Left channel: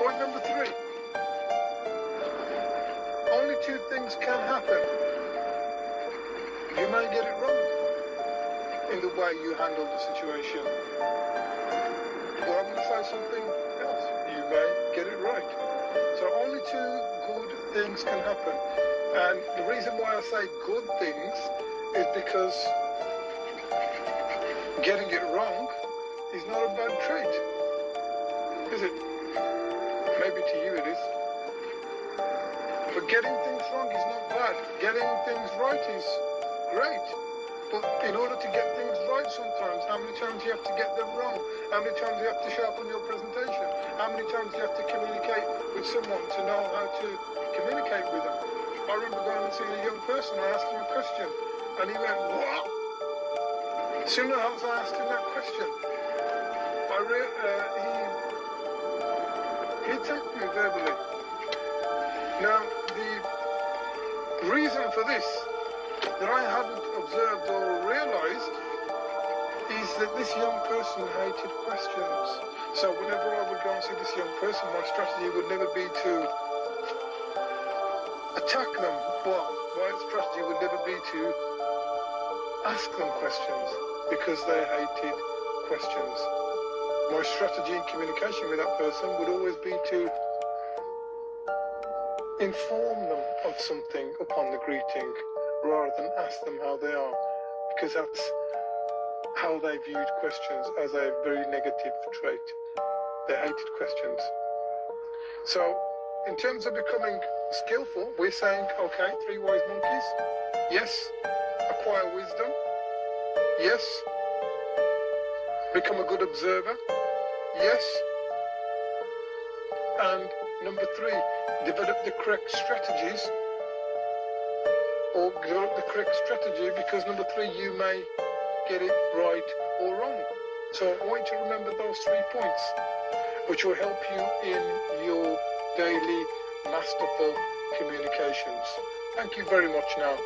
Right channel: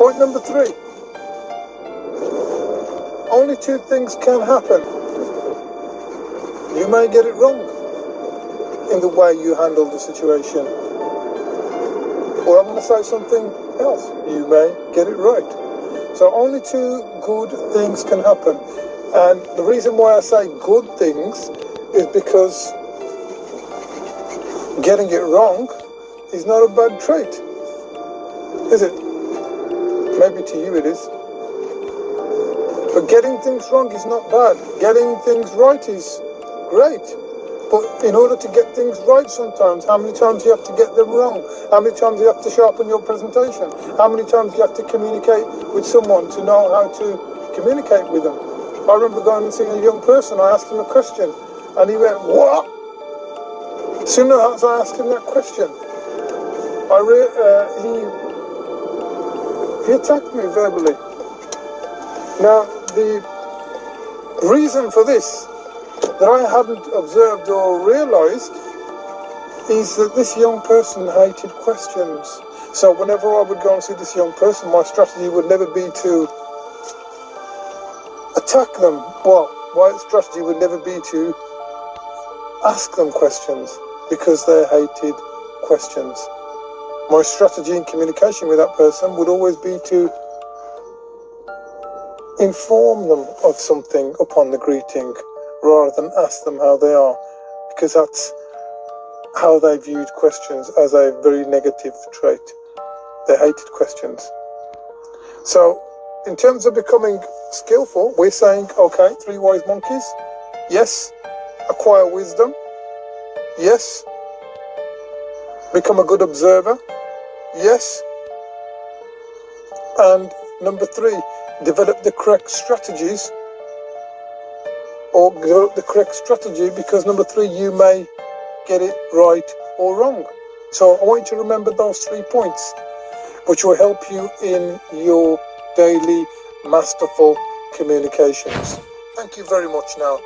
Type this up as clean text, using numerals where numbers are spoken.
Point number 3. Only 2 things can happen. You may get it wrong in the way you handle the situation. Or I'm going to say something else. You may get it right. So only 2 good things can happen. And the reason why I say good things is because getting it wrong is not a bad trait. Is it? Maybe to you it is. But getting things wrong is not bad. Getting things right is great. But in order to get things right sometimes, how many times do you have to get them wrong? How many times do you have to sharpen your presentation? How many times do you have to communicate with someone to know how to communicate with them? I remember going and seeing a young person, I asked him a question, and he went, "What?" As soon as I asked him that question, he attacked me verbally. Now, the reason for this that I hadn't observed or realised is that this young person hated questions. So whenever I would go and see this young person, my strategy would never be to attack them. Well, my strategy would never be to ask them questions because they hated questions. My strategy in communication with that person would always be to inform them of something upon the greeting rather than ask them how they are, because that's how they viewed questions, as a very negative trait. They hated questions. So in terms of becoming skillful, we're saying, okay, 3 wise monkeys. Yes, acquire wisdom. Yes, become a good observer. Yes. And number 3, develop the correct strategies, or develop the correct strategy, because number 3, you may get it right or wrong. So I want you to remember those 3 points, which will help you in your daily masterful communications. Thank you very much now.